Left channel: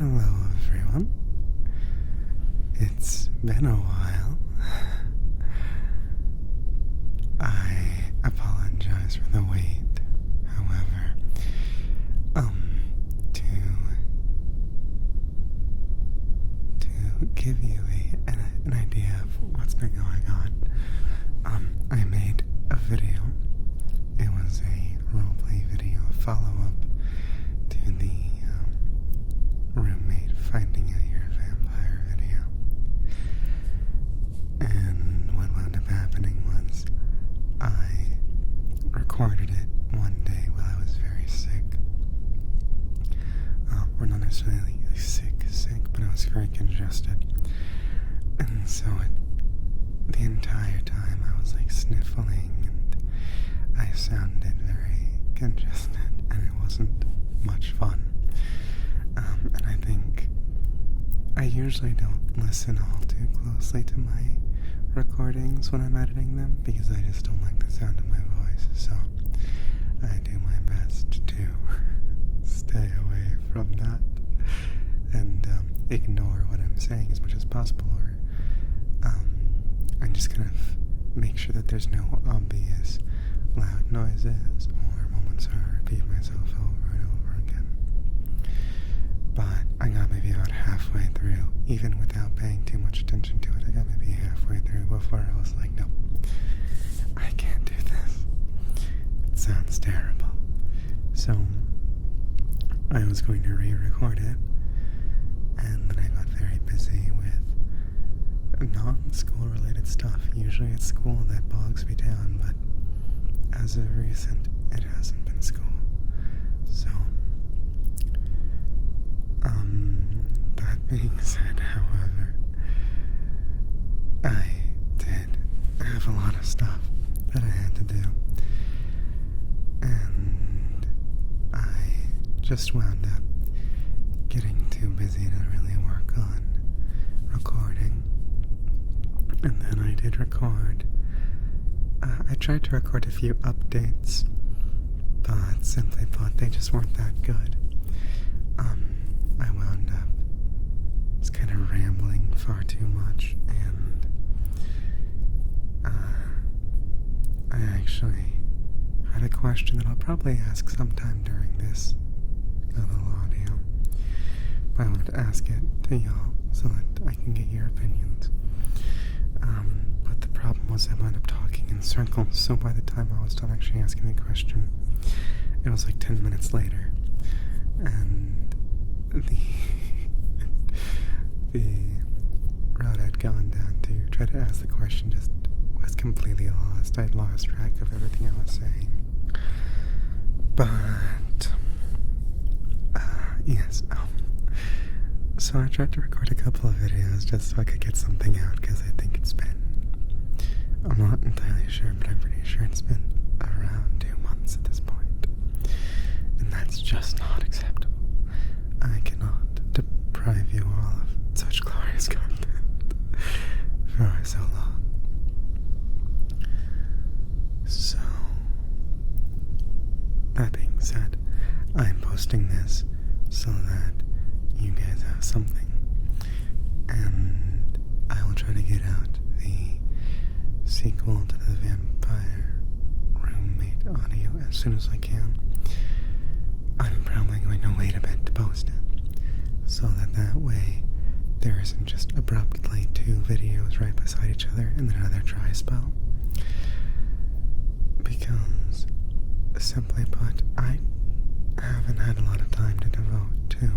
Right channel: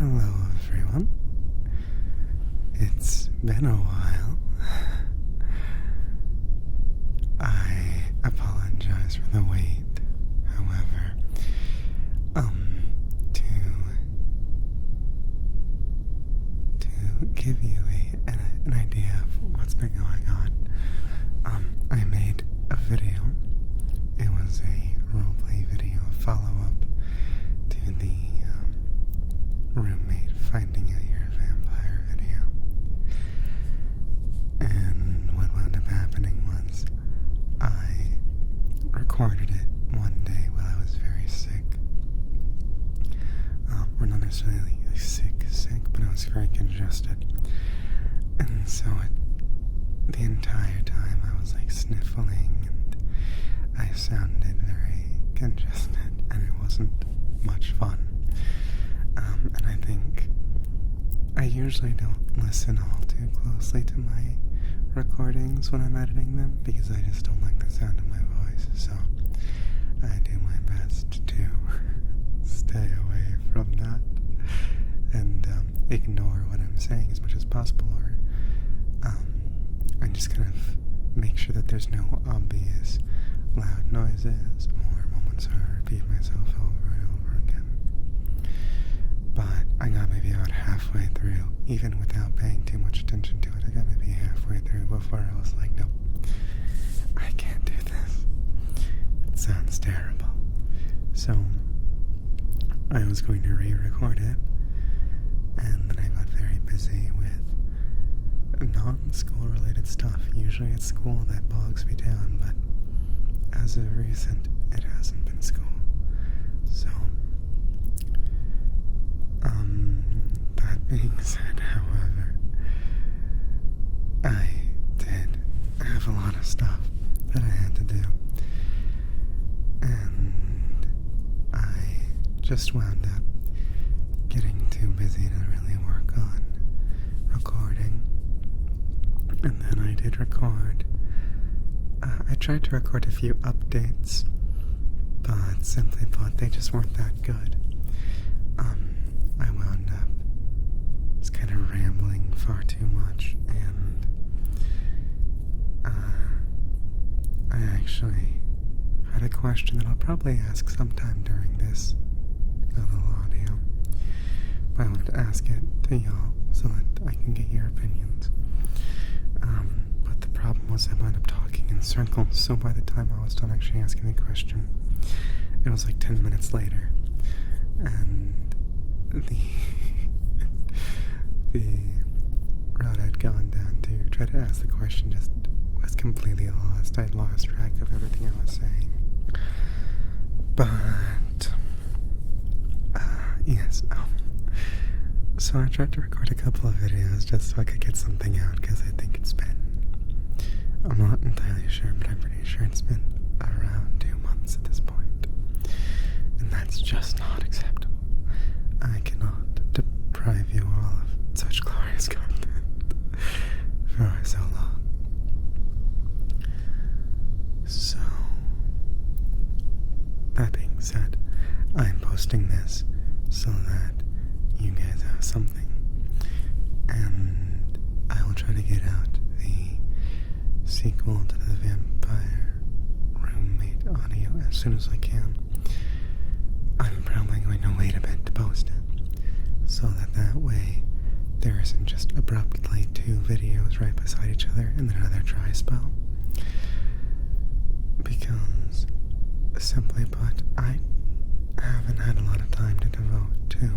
Hello, everyone. It's been a while. I apologize for the wait. However, to give you an idea of what's been going on, I made a video. It was a roleplay video, follow-up to the roommate finding out you're a vampire video. And what wound up happening was I recorded it one day while I was very sick. Or not necessarily sick, but I was very congested. And so the entire time I was like sniffling and I sounded very congested and it wasn't much fun. And I think I usually don't listen all too closely to my recordings when I'm editing them because I just don't like the sound of my voice, so I do my best to stay away from that and ignore what I'm saying as much as possible, or and just kind of make sure that there's no obvious loud noises or moments where I repeat myself over and over again. But I got maybe about halfway through, even without paying too much attention to it. I got maybe halfway through before I was like, no, I can't do this. It sounds terrible. So I was going to re-record it, and then I got very busy with non-school related stuff. Usually it's school that bogs me down, but as of recent, it hasn't been school. So that being said, however, I did have a lot of stuff that I had to do, and I just wound up getting too busy to really work on recording. And then I did record. I tried to record a few updates, but simply thought they just weren't that good. I wound up just kind of rambling far too much, and I actually had a question that I'll probably ask sometime during this little audio. But I wanted to ask it to y'all so that I can get your opinions. But the problem was I wound up talking in circles, so by the time I was done actually asking the question, it was like 10 minutes later. And the route I'd gone down to try to ask the question just was completely lost. I'd lost track of everything I was saying. But yes, so I tried to record a couple of videos just so I could get something out, because I think it's been, I'm not entirely sure, but I'm pretty sure it's been around 2 months at this point. And that's just not acceptable. I cannot deprive you all of such glorious content for so long. So, that being said, I'm posting this so that you guys have something, and I will try to get out the sequel to the vampire roommate audio as soon as I can. I'm probably going to wait a bit to post it, so that way there isn't just abruptly 2 videos right beside each other and then another dry spell. Because, simply put, I haven't had a lot of time to devote to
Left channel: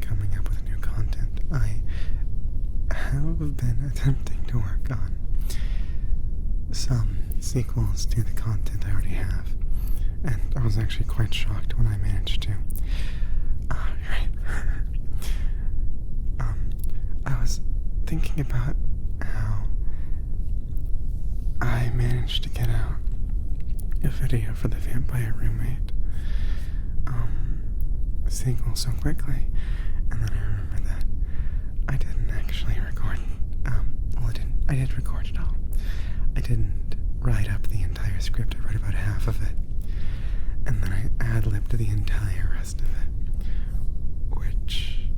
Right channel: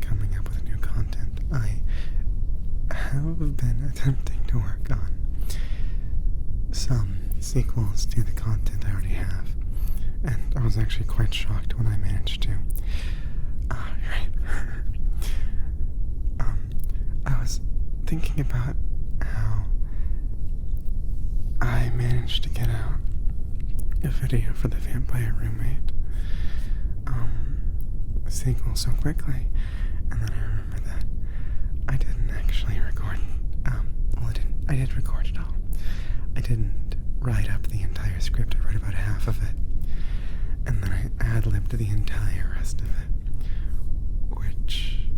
coming up with new content. I have been attempting to work on some sequels to the content I already have, and I was actually quite shocked when I managed to. I was thinking about how I managed to get out a video for the vampire roommate sequel so quickly, and then I remembered that I didn't actually record. I did record it all. I didn't write up the entire script. I wrote about half of it, and then I ad-libbed the entire rest of it, which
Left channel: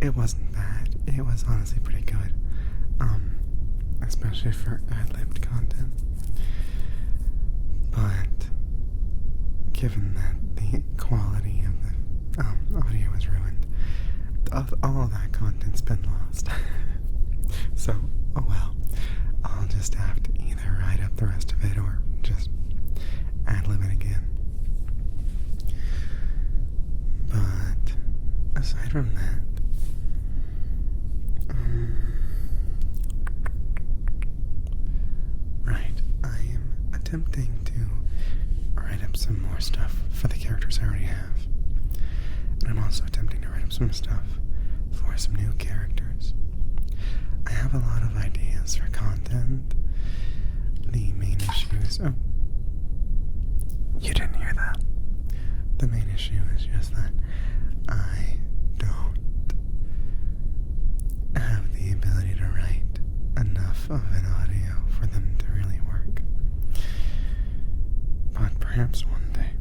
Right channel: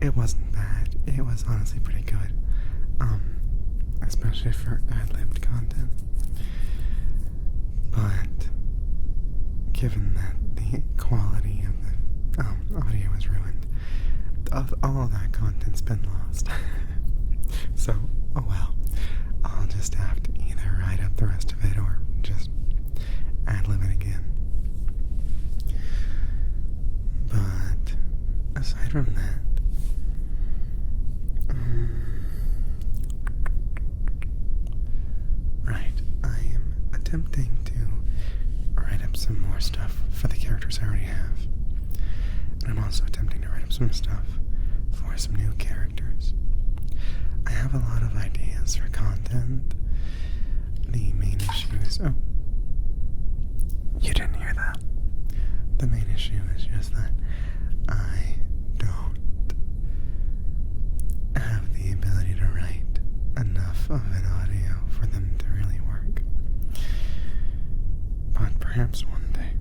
it wasn't bad. It was honestly pretty good. Especially for ad-libbed content. But given that the quality of the audio was ruined, all of that content's been lost. So, oh well. I'll just have to either write up the rest of it or just ad-lib it again. But aside from that, right, I am attempting to write up some more stuff for the characters I already have. And I'm also attempting to write up some stuff for some new characters. I have a lot of ideas for content. The main issue is... Oh. You didn't hear that. The main issue is just that I don't have the ability to write enough of an audio for them to really work. But perhaps one day.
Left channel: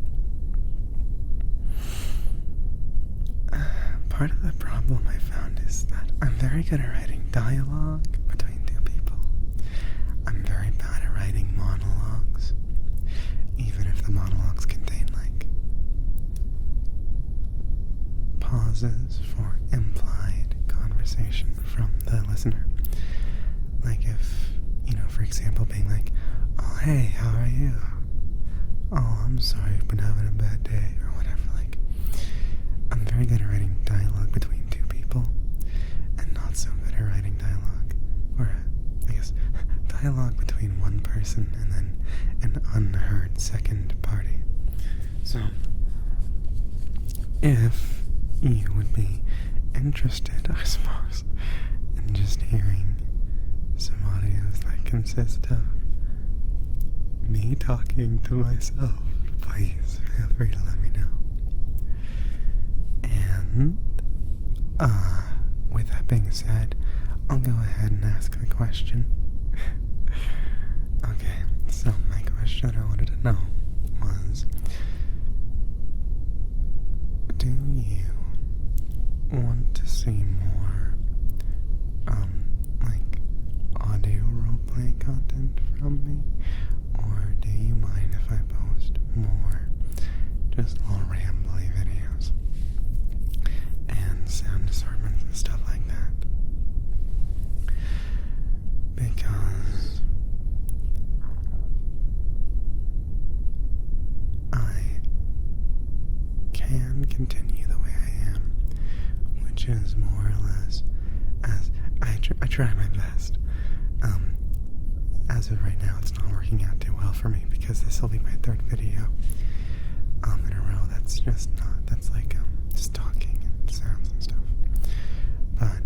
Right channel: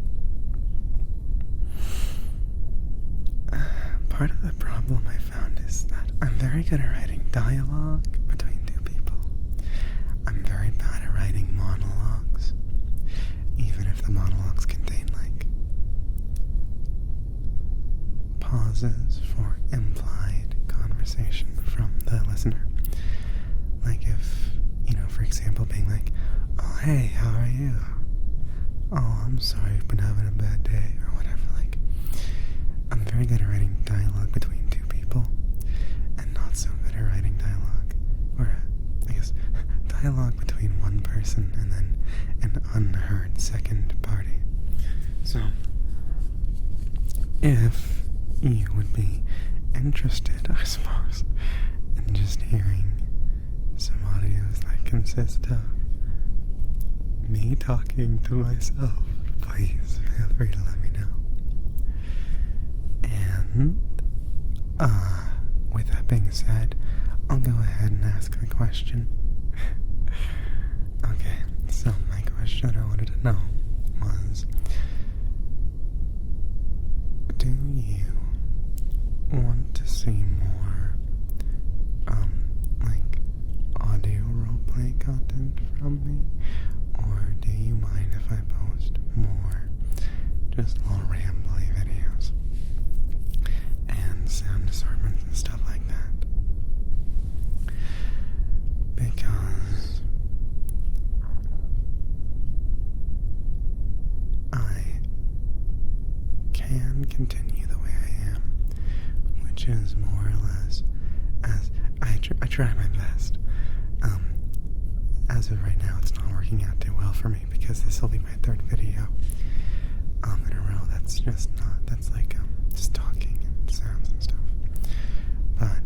Part of the problem I found is that I'm very good at writing dialogue between two people. I'm very bad at writing monologues, even if the monologues contain, like, pauses for implied conversation from the listener. Like if, for example, being like, oh, hey, how are you? Oh, I'm sorry you've been having a bad day, or whatever. Like, I'm very good at writing dialogue between two people, and not so good at writing dialogue, or I guess, dialogue between one person and then an unheard second party. So, if you would be interested, I suppose, in just hearing some audios that consist of me talking to myself, please feel free to let me know. And, with that being said, I'll go ahead and ask the question. Okay, so my question I wanted to know was, do you want to see more, like, audio roleplay content from me? Or do you mind if I post more just little rambly videos and sound assortments and stuff like that? Because I can continue the way I am, which is more or less as I try my best. As of right now, it's not working out too well for me because this will be my third video in a row. That's just not, that's like just talking and sounds and stuff. But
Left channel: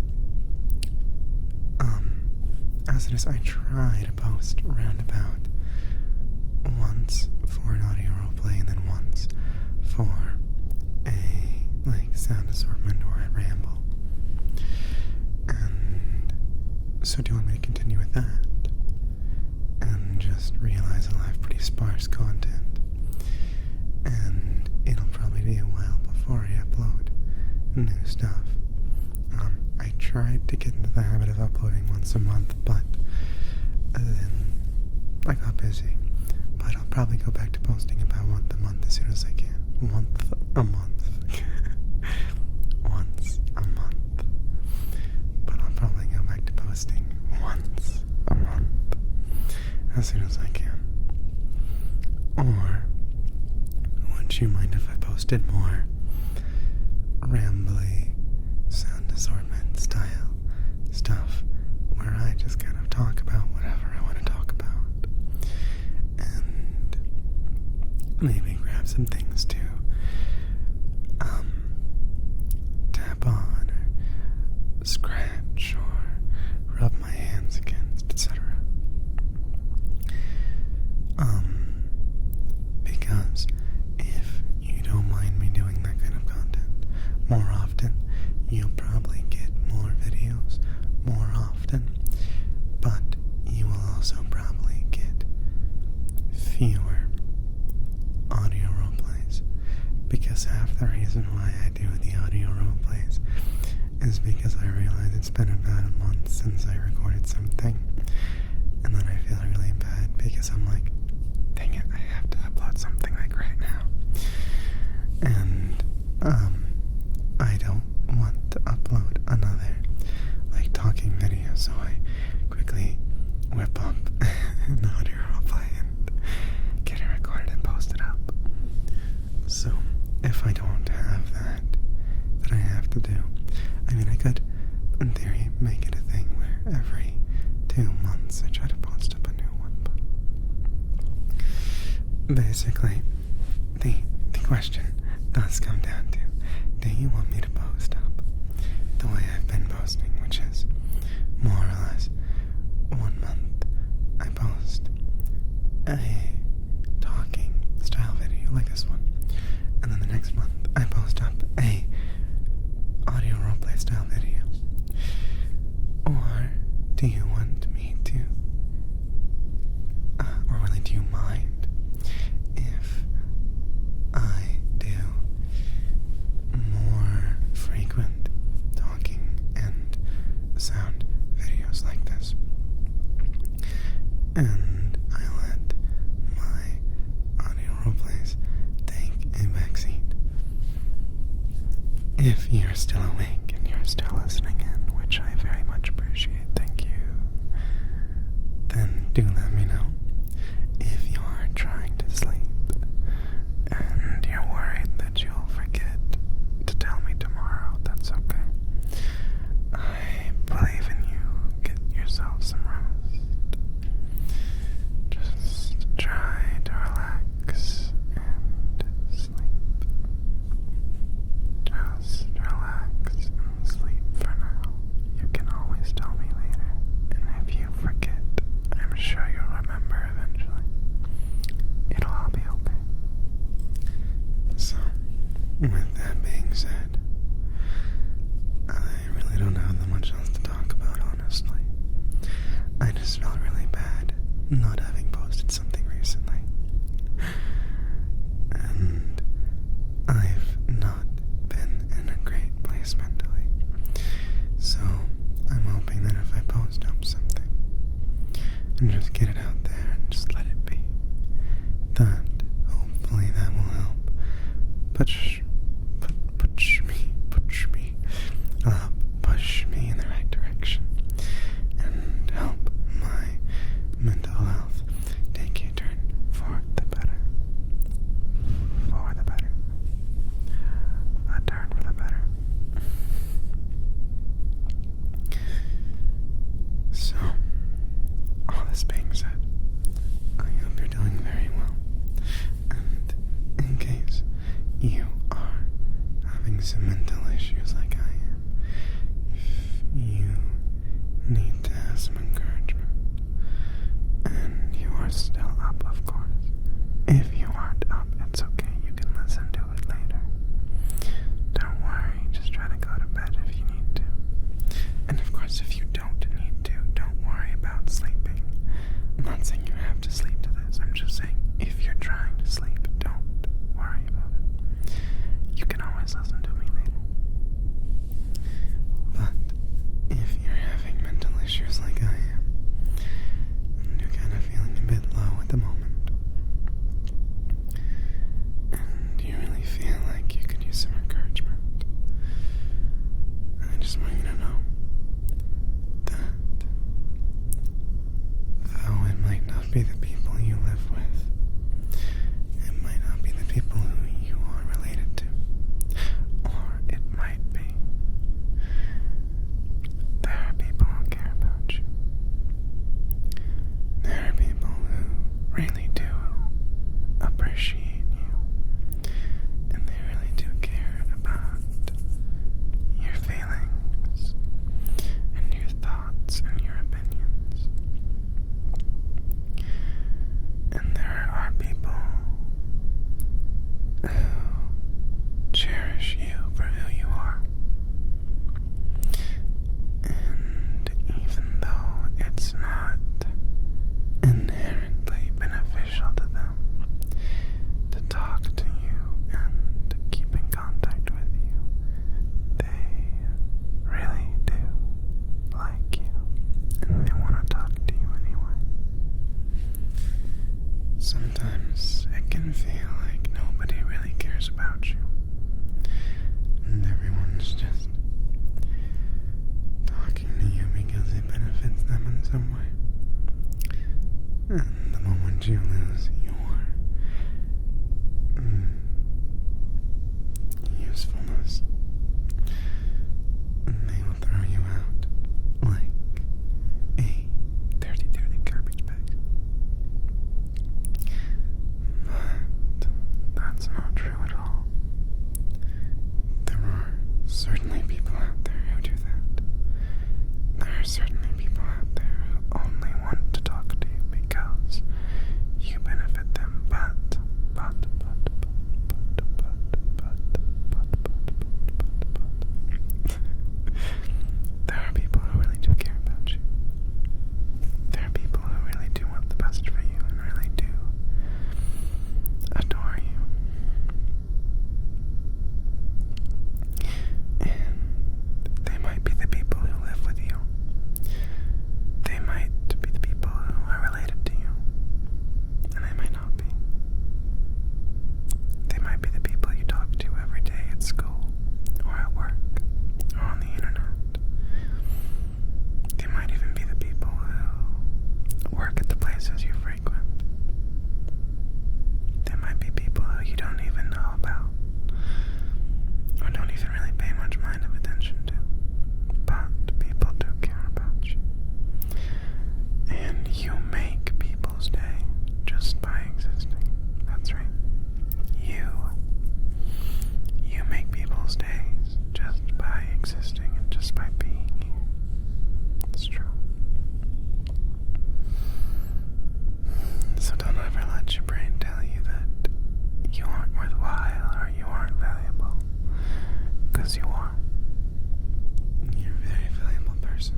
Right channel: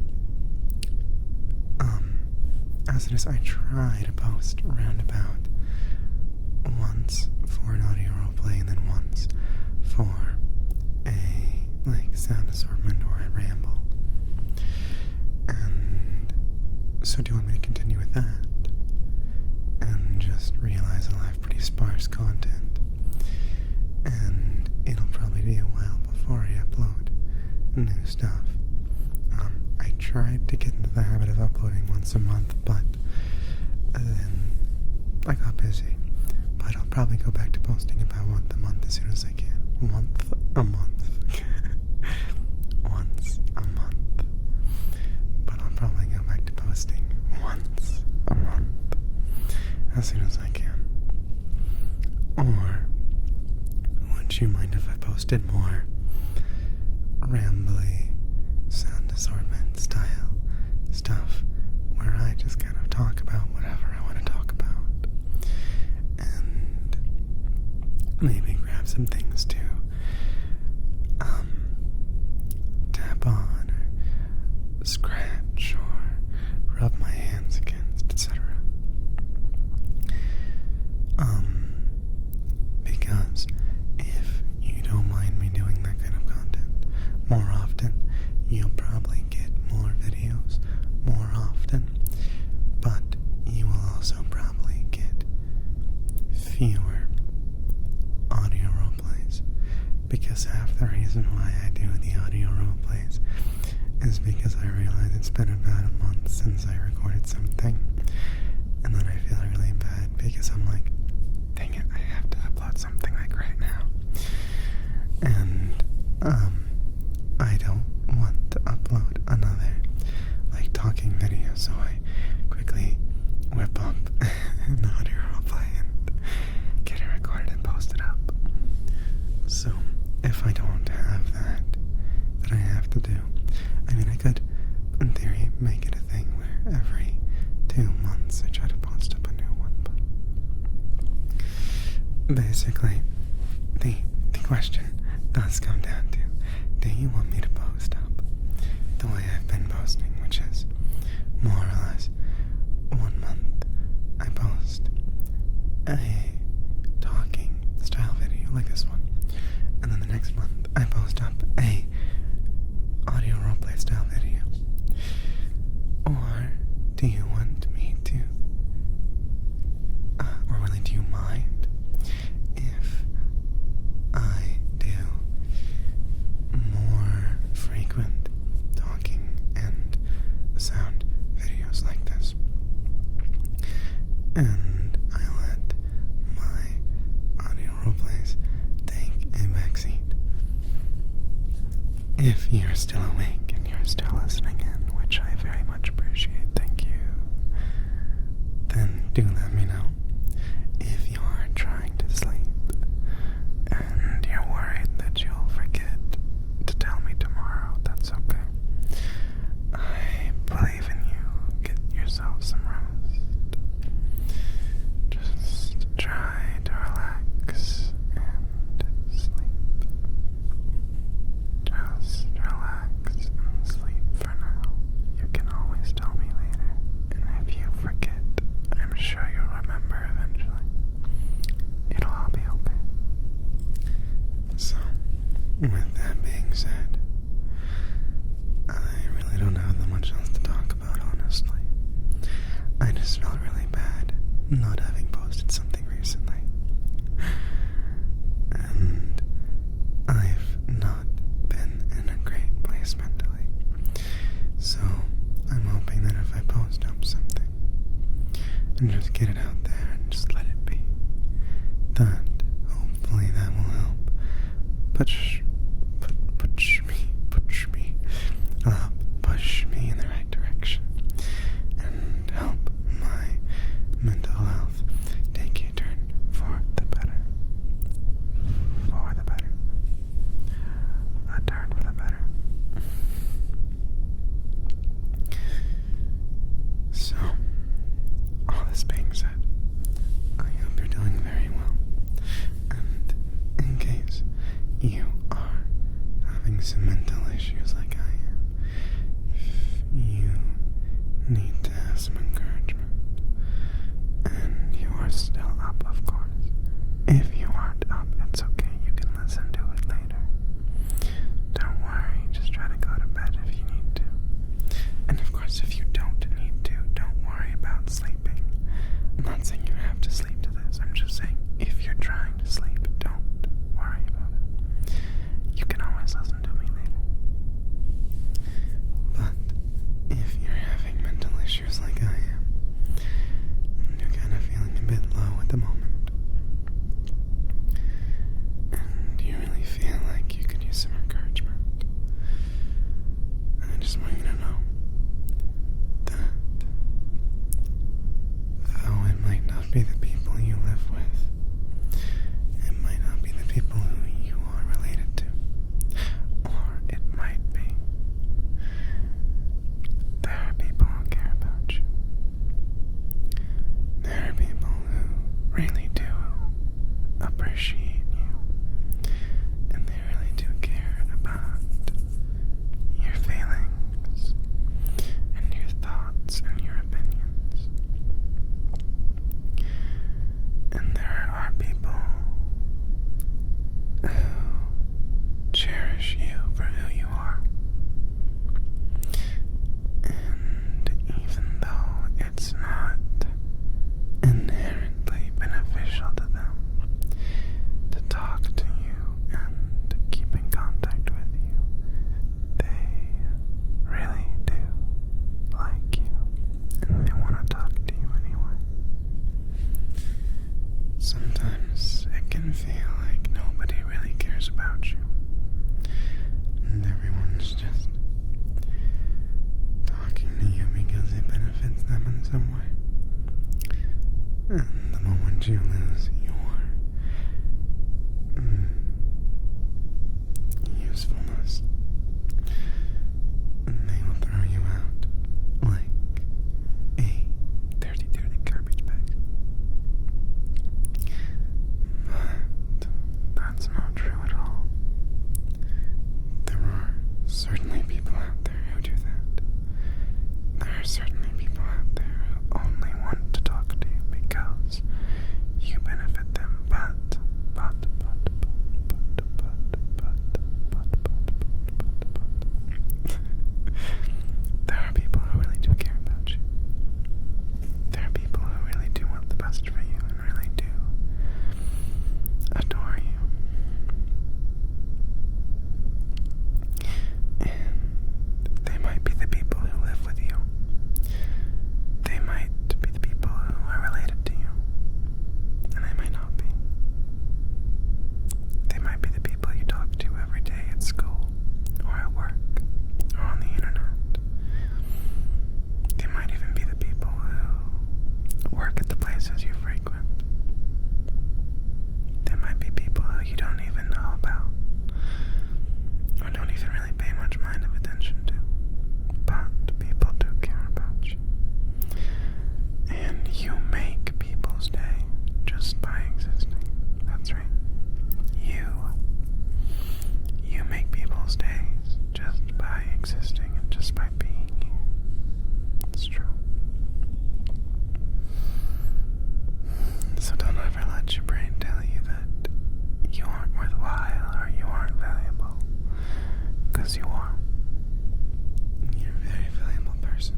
as it is, I try to post around about once for an audio roleplay and then once for a like sound assortment or a ramble. And so do you want me to continue with that? And just realize I'll have pretty sparse content, and it'll probably be a while before I upload new stuff. I tried to get into the habit of uploading once a month, but then I got busy. But I'll probably go back to posting about once a month as soon as I can. Once a month. Once a month. But I'll probably go back to posting once a month as soon as I can. Or would you mind if I posted more rambly sound assortment style stuff where I just kind of talk about whatever I want to talk about and maybe grab some things to tap on or scratch or rub my hands against, etc. Because if you don't mind me doing that kind of content more often, you'll probably get more videos more often, but you will also probably get fewer audio roleplays, because half the reason why I do the audio roleplays is because I realize it's been about a month since I recorded something, and then I feel really bad because I'm like, dang it, I have to upload something like right now. And I don't want to upload another like talking video, so I quickly whip up an audio roleplay and get it recorded and post it up. So if I don't have that I have to do, I mean, I could in theory make it a thing where every 2 months I try to post up a new one, but basically the question does come down to, do you want me to post up the way I've been posting, which is more or less 1 month I post a talking style video like this one, and then the next month I post up a audio roleplay style video? Or do you want me to, or really do you mind if I do more frequent talking and sound videos like this, and I let my audio roleplays take a backseat? If you're still awake and you're still listening in, which I very much appreciate, thank you, then do let me know. If you're trying to sleep and you're worried that you'll forget to tell me tomorrow, that's okay. I believe in you. Get yourself some rest. Just try to relax and sleep. Just relax and sleep for now. You can always tell me later, and if you forget, I'm sure you'll remember eventually. It'll all be okay. So, with that being said, I really don't have that much else to talk about, honestly. I just felt really bad not having posted something recently. And I've not been in a great place mentally. So I'm hoping that if I post up something and just get it out there and just let it be, that hopefully that will help push me in the right direction and help my mental health take a turn for the better. For the better. A turn for the better. So, all this being said, I hope you're doing very well. And in case you are having some mental issues like I am, if you need to have some encouragement, and you are still up, of course. If you aren't up, it's okay. You can listen to it later. Don't worry. Just try to go to bed if you need to. And of course, if you don't need to, don't worry about sleeping. I'm not saying you have to sleep to this. I'm just saying if you're trying to sleep, don't worry about it. You can always listen to me later. But if you're having mental issues like I am, and you're kind of feeling a bit low at the moment, and you really feel like you could use some encouragement, I just want you to know that though it might not be the people you live with, it might should you lose your usefulness, they will throw you out like a dirty, dirty garbage bag. But that's not true at all. There are certainly people out there who do that. There are certainly people out there who only want to talk to you because you benefit them, but there are people who really do care about you. There are people who really do want the best for you and really do adore you. And they might be the people who live with you. They might be the people who are related to you. And they might not be. They might be the people you talk to every day at school, or at work, or on the internet. They might even be the people who work at the places you frequent. They might be people who you don't even know about, or don't even really pay much mind of attention to. But people do care about you. And you make people's day just by existing. That's right. You make people's days just by existing and just by being here. It's true. So don't ever let your brain tell you that you aren't worthwhile or you aren't valuable. Because you are. You're a very valuable person.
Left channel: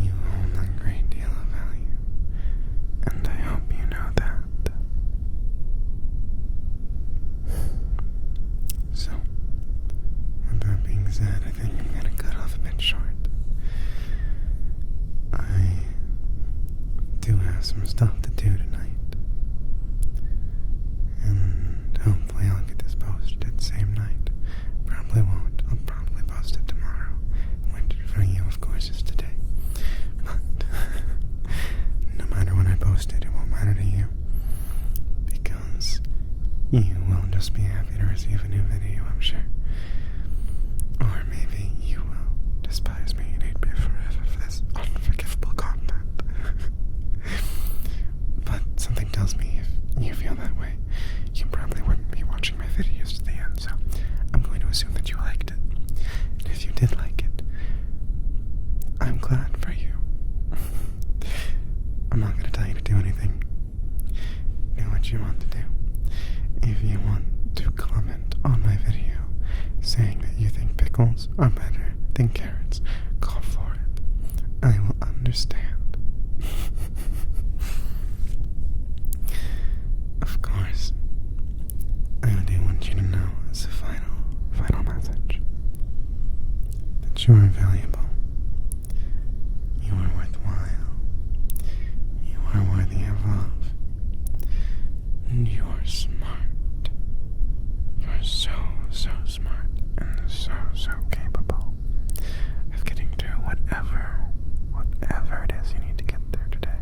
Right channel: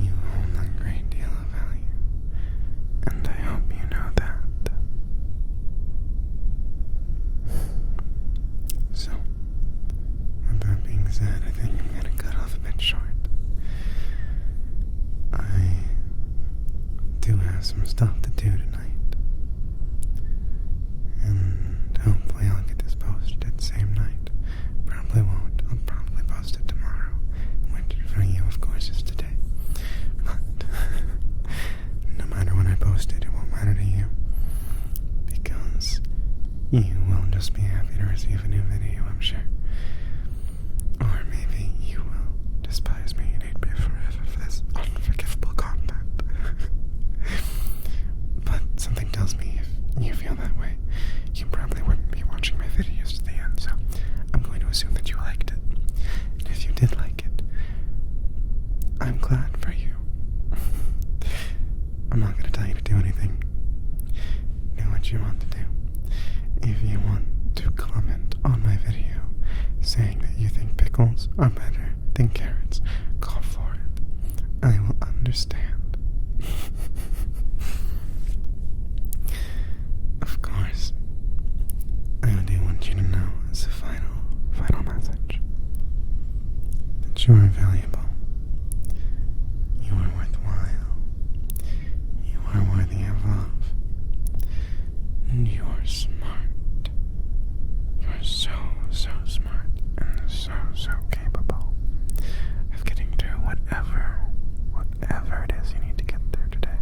You hold a great deal of value. And I hope you know that. So, with that being said, I think I'm gonna cut off a bit short. I do have some stuff to do tonight. And hopefully I'll get this posted same night. Probably won't. I'll probably post it tomorrow. Which for you, of course, is today. But no matter when I post it, it won't matter to you. Because you will just be happy to receive a new video, I'm sure. Or maybe you will despise me and hate me forever for this unforgivable content. But something tells me if you feel that way, you probably wouldn't be watching my videos to the end, so I'm going to assume that you liked it. And if you did like it, I'm glad for you. I'm not going to tell you to do anything. Do what you want to do. If you want to comment on my video saying that you think pickles are better than carrots, go for it. I will understand. Of course, I do want you to know as a final message that you are valuable. You are worthwhile. You are worthy of love. And you are smart. You are so smart and so capable of getting through whatever it is you need to get through today.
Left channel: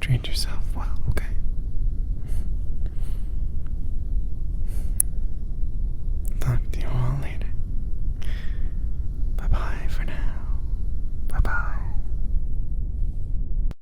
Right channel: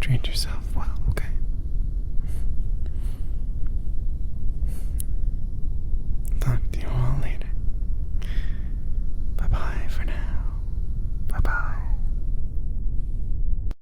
Treat yourself well, okay?